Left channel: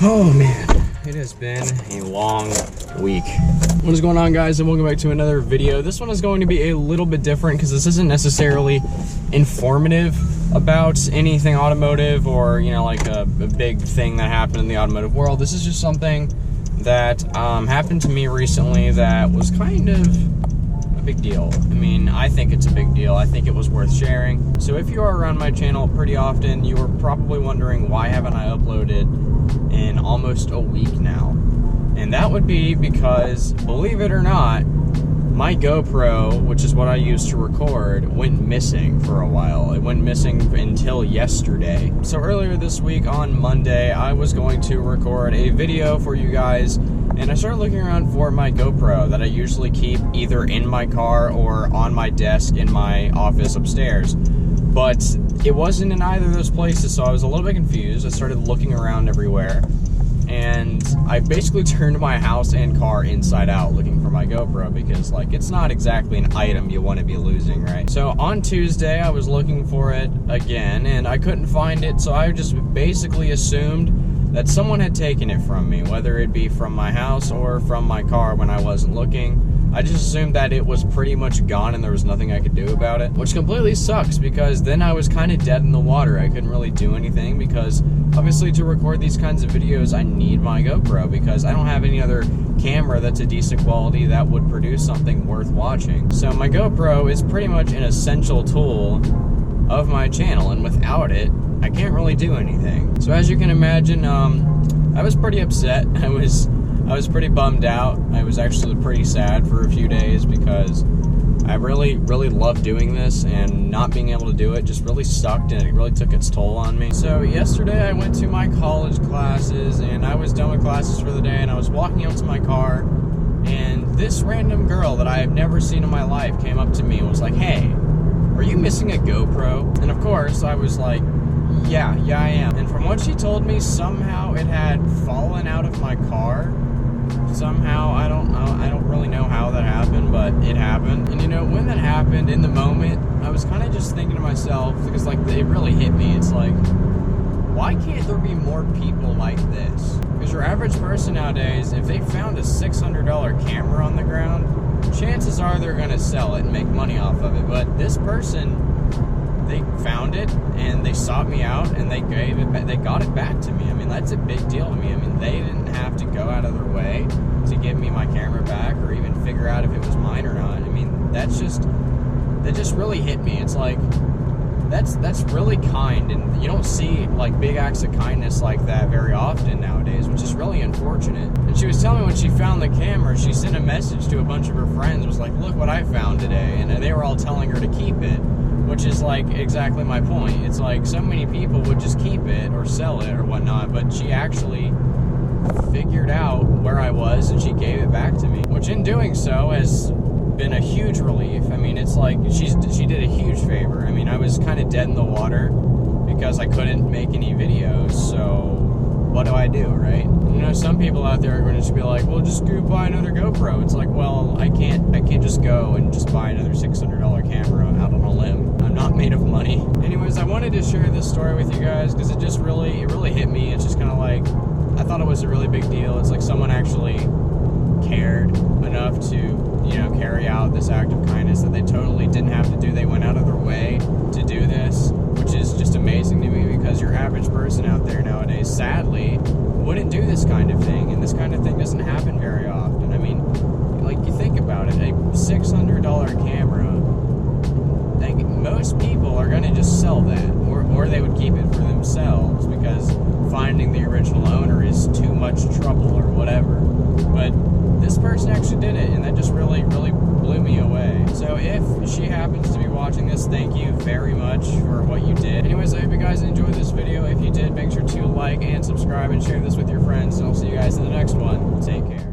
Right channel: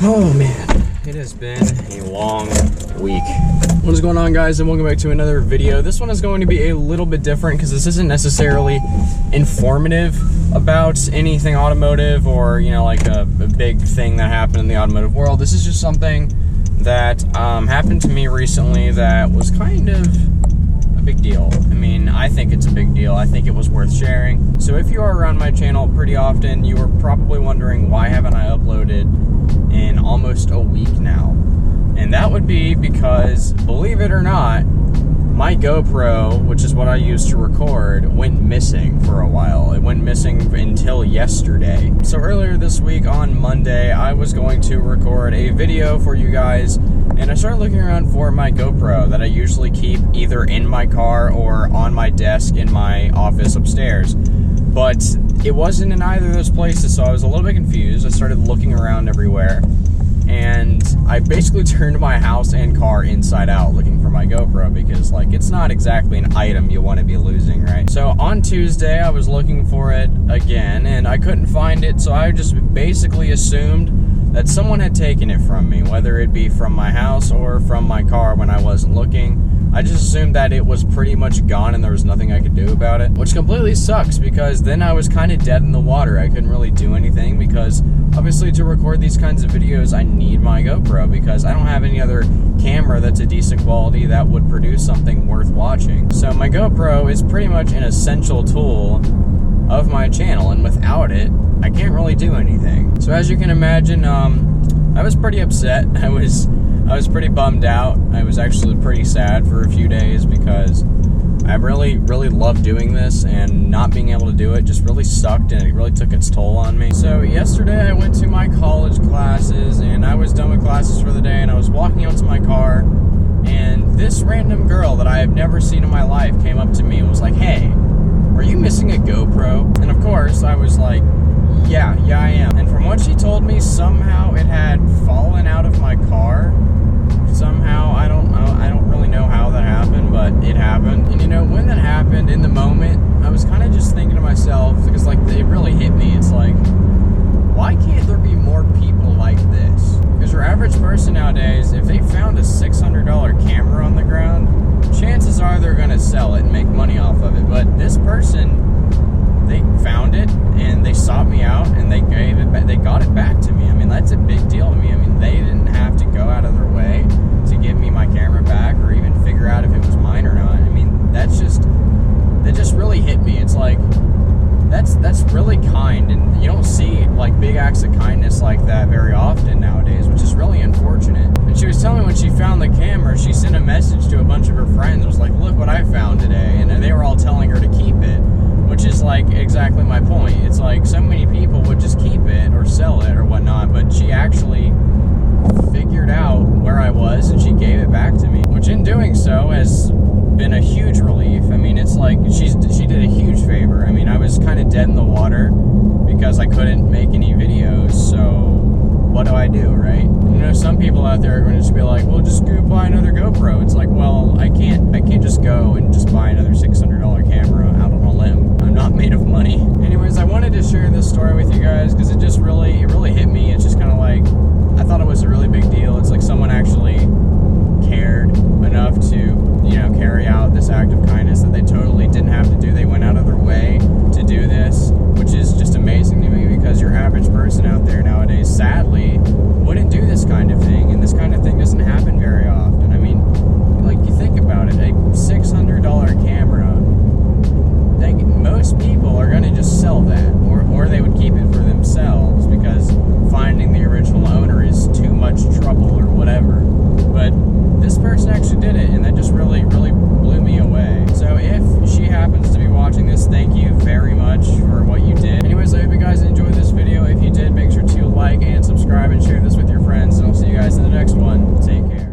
Oh man, it has been a long week. What is going on, guys, and welcome back to another video. This one is going to be a little bit different because this isn't necessarily informative about anything automotive or, you know, like a big thing that happened in the automotive world. This is just something that happened to me recently that was kind of a big deal. I mean, I think it's a big deal. I think it was worth sharing. So if you are around my channel pretty often, you are probably wondering, why haven't I uploaded in almost a week now? And that would be because, believe it or not, my GoPro, which is what I use to record, went missing for a while. It went missing until yesterday. So earlier this week on Monday, I was going to record a video for you guys, and I started looking around for my GoPro that I usually keep either in my car or on my desk in my office upstairs. But it wasn't in either of those places, so I was a little bit confused. I started looking around everywhere, and I basically turned my house and car inside out looking for my GoPro because, like, it's not exactly an item you want to be losing, right? So on Tuesday, I was looking for it again, and I couldn't find it, so I just basically assumed that someone had taken it from me, whether it be from my house or from my car when I wasn't looking. I just assumed that it was pretty much gone and there was nothing I could do about it, which completely sucks because then I was kind of dead in the water. I couldn't really do anything because obviously to record these kinds of videos, I need my GoPro because I don't have any other camera that's a decent quality that would produce something worth watching. So my GoPro is pretty much an essential tool of my channel, and without it, I can't really do anything. So as you can imagine, I was pretty upset. I was pretty bummed out. I was actually pretty sad for a few days because I really loved doing this, and not being able to do it just really sucked, and it really took its toll on me. So yesterday I went to my college classes, and I was done with classes for the day, and I was walking out to my car, and this random girl that I have never seen in my life came up to me and was like, "Hey, are you missing a GoPro?" And of course I was like, yeah I am. And from what she told me, somehow it had fallen out of my car. Somehow, I don't really know how that happened, but it happened. And you know, when that happened, in the moment, I was kind of just thinking to myself, because like it really hit me, it's like, why can't there be more people like this? Because your average person nowadays, if they found a $600 camera on the ground, chances are they're gonna sell it and make money off of it. But this person, they found it and they sought me out and they got it back to me. I mean, that's a big deal to me. I mean, they didn't have to go out of their way to give me my camera back or even figure out if it was mine or not. I mean, that just really hit me. It's like, that's really kind, and you don't see like big acts of kindness like that very often nowadays, which is really unfortunate. And she was telling me when she found the camera, she sent a message to a bunch of her friends, was like, "Look what I found today," and they were all telling her to keep it. Which is like exactly my point. It's like so many people would just keep it or sell it or whatnot, but she actually figured out where I was and she gave it back to me, which in doing so has been a huge relief. I mean, it's like she did a huge favor. I mean, I was kind of dead in the water because I couldn't make any videos, so what do I do, right? You know, some people out there are going to just be like, well, just go buy another GoPro. It's like, well, I can't just go and just buy another $600 camera out on a limb. I'm not made of money. Anyways, I wanted to share this story with you guys because it really hit me. It's just kind of like, I thought it was a really big deal. It's like someone actually cared enough to, you know, carry out this act of kindness that they totally didn't have to do. They went out of their way to do this, which is just amazing to me because your average person out there nowadays, sadly, wouldn't do this kind of thing, and this kind of thing doesn't happen very often. I mean, like, you think about it, a $600 camera, most people are going to just sell that, or they would keep it for themselves because finding the original owner is too much trouble or whatever. But this person actually did it, and that just really blew me away. So if she happens to be watching this, thank you very much for what you did. Anyways, I hope you guys enjoyed this video. If you did, make sure to like and subscribe and share this with your friends, and I'll see you guys in the next one. Take care.